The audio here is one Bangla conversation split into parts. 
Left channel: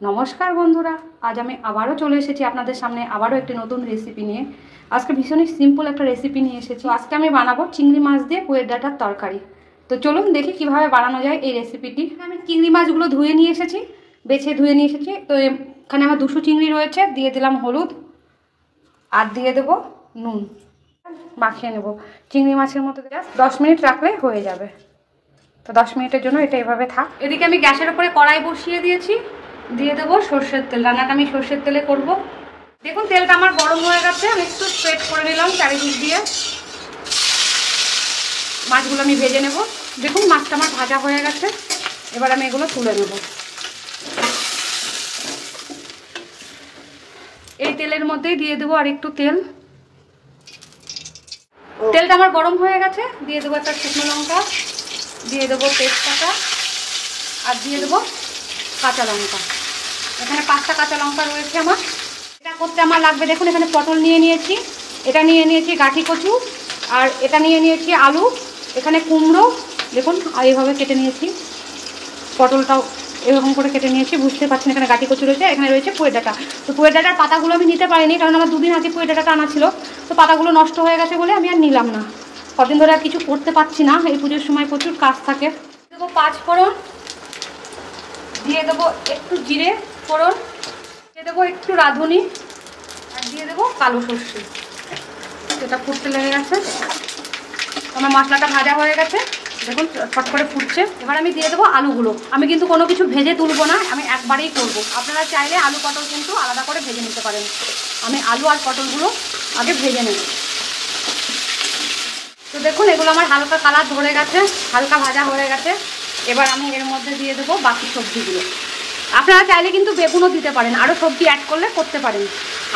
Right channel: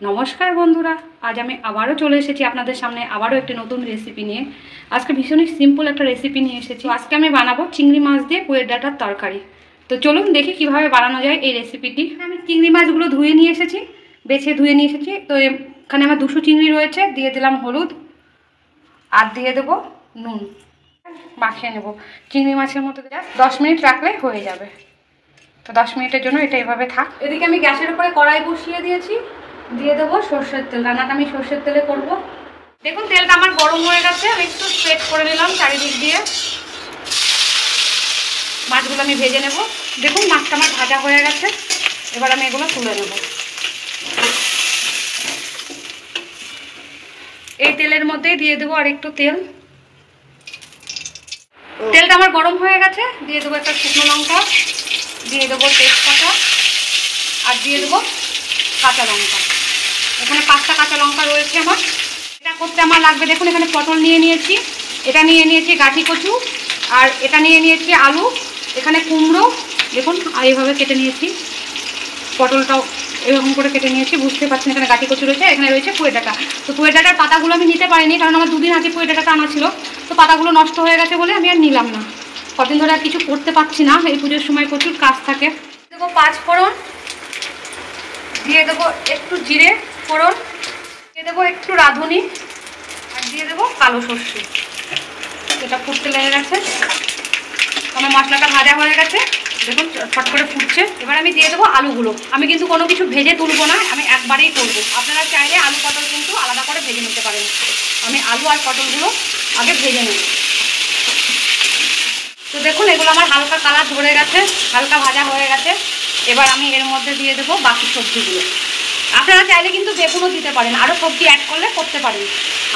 নমস্কার বন্ধুরা, আজ আমি আবারও চলে এসেছি আপনাদের সামনে আবারও একটি নতুন রেসিপি নিয়ে। আজকে ভীষণই সিম্পল একটা রেসিপি নিয়ে এসেছি। আজকে আমি বানাবো চিংড়ি মাছ দিয়ে পুয়ের ডাঁটার তরকারি। তো চলুন দেখি কিভাবে বানানো যায় এই রেসিপিটি। আমি চিংড়ি মাছগুলো ধুয়ে নিয়ে এসেছি, বেছে ধুয়ে নিয়ে এসেছি। তো এখানে আমার 200 চিংড়ি রয়েছে, দিয়ে দিলাম হলুদ আর দিয়ে দেবো নুন, মাখিয়ে নেব। চিংড়ি মাছের মতো 10 মিনিট রাখলেই হয়ে যাবে। তো 10 মিনিটের জন্য এটা এভাবে থাক। এদিকে আমি গ্যাসের উপরে কড়াই বসিয়ে দিয়েছি, দিয়ে দেবো সর্ষের তেল। রান্নাটা আমি সর্ষের তেলে করব। দেখুন তেলটা আমার গরম হয়ে গেছে, আমি একটু স্প্রেড করে নিলাম চারিদিক দিয়ে। মাছগুলো আমি ভেজে নেব। দেখুন মাছটা আমার ভাজা হয়ে গেছে, এবার আমি এগুলো তুলে নেব। এই তেলের মধ্যেই দিয়ে দেবো আর একটু তেল। তেলটা আমার গরম হয়ে গেছে, দিয়ে দেবো একটা শুকনো লঙ্কা, দিয়ে দেবো তেজপাতা আর দিয়ে দেবো কাঁচা লঙ্কা। এখানে 5টা কাঁচা লঙ্কা রয়েছে আমার। এটা করতে আমার লাগবে, দেখুন এখানে পটল নিয়ে নিয়েছি, এটা নিয়ে নিয়েছি গাঠি কচু, আর এটা নিয়ে নিয়েছি আলু, এখানে কুমড়ো দেখুন এইভাবে কেটে নিয়েছি। পটলটাও এরকম করে কেটে নিয়েছি, বুঝতে পারছেন। এখানে গাঠি কচু রয়েছে, এখানে রয়েছে পুয়ের ডাঁটা। তো পুয়ের ডাঁটার পাতাগুলো আমি নিতে পারিনি, কারণ আমার 2 দিন আগে পুয়ের ডাঁটাটা আনা ছিল। তো পাতাগুলো নষ্ট হয়ে গেছে বলে আমি আর নিলাম না। কদিন ধরে আর কিছু করতে পারছি না, এই পুজোর সময় প্রচুর কাজ থাকে। দেবো 5 ফোড়ন, দিয়ে দেবো একটু জিরে ফোড়ন, দিয়ে দেবো একটু রাঁধুনি, আর দিয়ে দেবো কালো সর্ষে। এটা ফুটতে লেগে গেছে, আমার মশলাটা ভাজা হয়ে গেছে, দেখুন ফট করে ফুটছে। এবার আমি দিয়ে দেবো আলুগুলো। আমি কিন্তু কোনো কিছু ভেজে তুলবো না, আমি একবারেই করবো। আপনারা চাইলে আলু পটল কিন্তু আলাদা করে ভেজে নিতে পারেন। আমি আলু আর পটলগুলো আগে ভেজে নেব। তো দেখুন এগুলো আমার হালকা কালার ধরে গেছে, হালকা ভাজা হয়ে গেছে। এবার আমি এর মধ্যে দিয়ে দেবো বাকি সবজিগুলো। আপনারা চাইলে কিন্তু বেগুনও দিতে পারেন, আরও সবজি অ্যাড করলে করতে পারেন।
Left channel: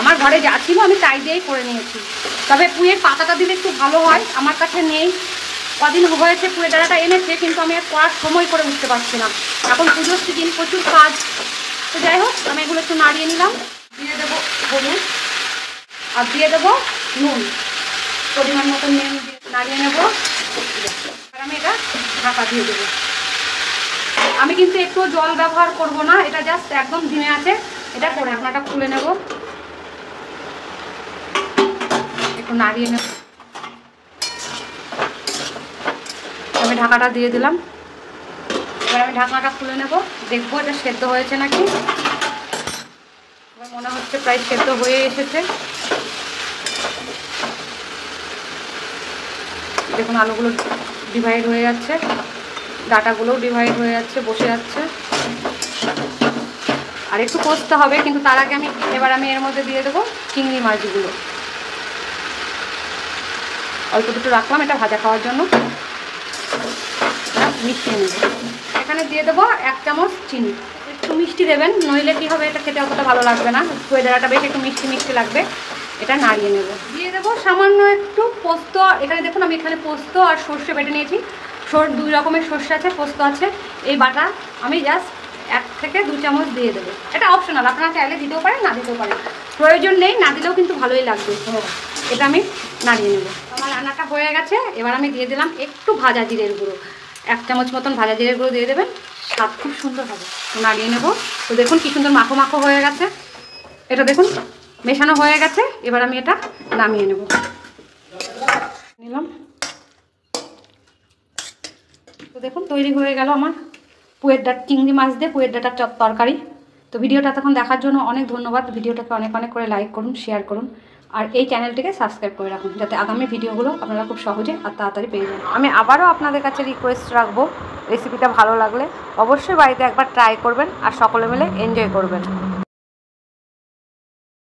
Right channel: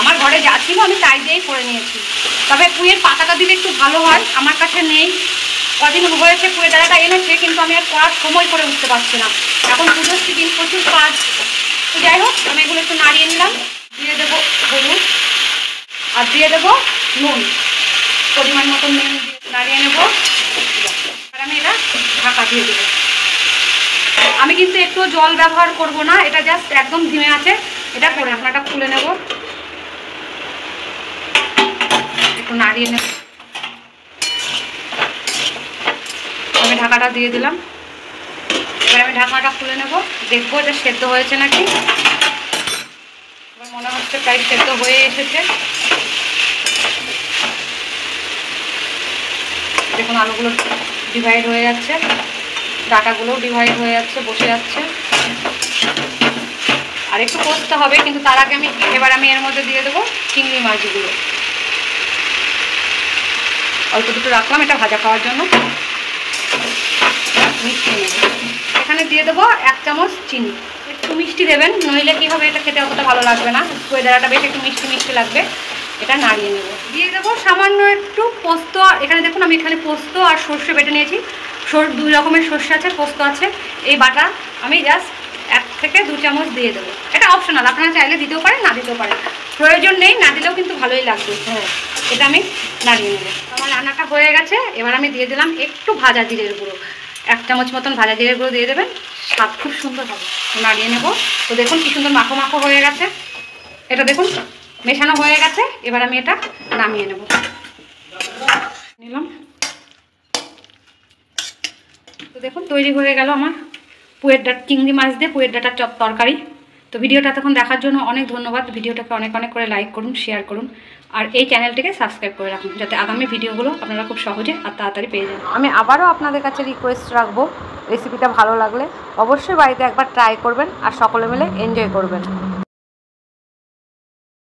আমার ঘরে যা ছিল আমি তাই দিয়েই করে নিয়েছি। তবে পুঁয়ের পাতাটা দিলে একটু ভালো হয়, আমার কাছে নেই। কদিন হয়েছে পুঁয়ের ডাঁটাটা এনেছে, কিন্তু আমি আর করার সময় করে উঠতে পারছি না। এখন পুজোর সিজন, প্রচুর কাজ। তো যাই হোক, আমি এগুলো একটু নাড়িয়ে নিলাম। দিয়ে দেবো হলুদ আর দিয়ে দেবো নুন, পরিমাণ মতো নুন নাড়িয়ে নেব। আর আমি এটা ঢাকা দিয়ে দেবো। আমি কিন্তু একটু জল ব্যবহার করব না, এটা জাস্ট একদম ধিমে আছে। এটা করে ঢাকনাটা খুলে নেব, একটু নাড়িয়ে নেব। আমি ঢাকাটা দিয়ে দিলাম। এবার আমি ঢাকনাটা খুলে নেব, দেখবো এটা সেদ্ধ হয়েছে নাকি। আমার মনে হচ্ছে প্রায় সেদ্ধ হয়ে এসেছে। দেখুন আলুগুলো ডিভাইড হয়ে যাচ্ছে, ডাঁটাগুলোও ডিভাইড হয়ে যাচ্ছে, বসে যাচ্ছে। আর একটু কষতে হবে, কিন্তু তার আগে এবার আমি এর মধ্যে দিয়ে দেবো চিংড়ি মাছগুলো। অল্প দুটো রাখলাম এটা ভাজা খাওয়ার জন্য। মিষ্টি নেব, এখানে দিয়ে দেবো 1 চামচ চিনি। একটু মিষ্টি দেবেন, নইলে কী হবে, এটা খেতে অতটা ভালো লাগবে না। পুয়ের ডাঁটাটা বেশ একটু মিষ্টি মিষ্টি লাগবে। এটা নাড়িয়ে নেব। দিয়ে দেবো সামান্য একটু পোস্ত। এখানে দেখুন আমি এখানে পোস্ত আর সর্ষে বেটে নিয়েছি। 2 রকমের সর্ষে আছে, পোস্ত আছে। এই বাটা আমি জাস্ট 1 থেকে 2 চামচ দিয়ে দেবো। এটা অপশনাল, আপনারা চাইলে দিতেও পারেন, না দিতেও পারেন, প্রয়োজন নেই। না দিলেও কিন্তু ভালোই লাগবে। হ্যাঁ, এটা আমি নাড়িয়ে নেব। আমার রান্নাটা হয়ে গেছে। এবার আমি দিয়ে দিলাম একটু ভাজা জিরের গুঁড়ো, 1 চামচ মতন ভাজা জিরের গুঁড়ো দিয়ে দেবেন, স্বাদ খুব সুন্দর হবে। তো নাড়িয়ে নেব। তো দেখুন কি সুন্দর মাখো মাখো হয়ে গেছে। এটা দেখুন মেশানো হয়ে গেছে। এবার আমি এটা নামিয়ে নেব। নিলাম। তো দেখুন তৈরি হয়ে গেল আমার পুয়ের ডাঁটা, চিংড়ি মাছ দিয়ে পুয়ের ডাঁটার তরকারি। তো ভিডিওটা এতক্ষণ দেখার জন্য অনেক ধন্যবাদ। ভিডিওটাকে অনেক অনেক করে লাইক করুন, শেয়ার করুন, আর এই চ্যানেলটিকে সাবস্ক্রাইব করে রাখুন, যাতে আগামী ভিডিওগুলো আপনারা খুব সহজে আর তাড়াতাড়ি পেয়ে যান। আমি আবারও আপনাদের কাছে রিকোয়েস্ট রাখবো, রেসিপিটা ভালো লাগলে অবশ্যই বাড়িতে একবার ট্রাই করবেন আর সকলে মিলে এনজয় করবেন।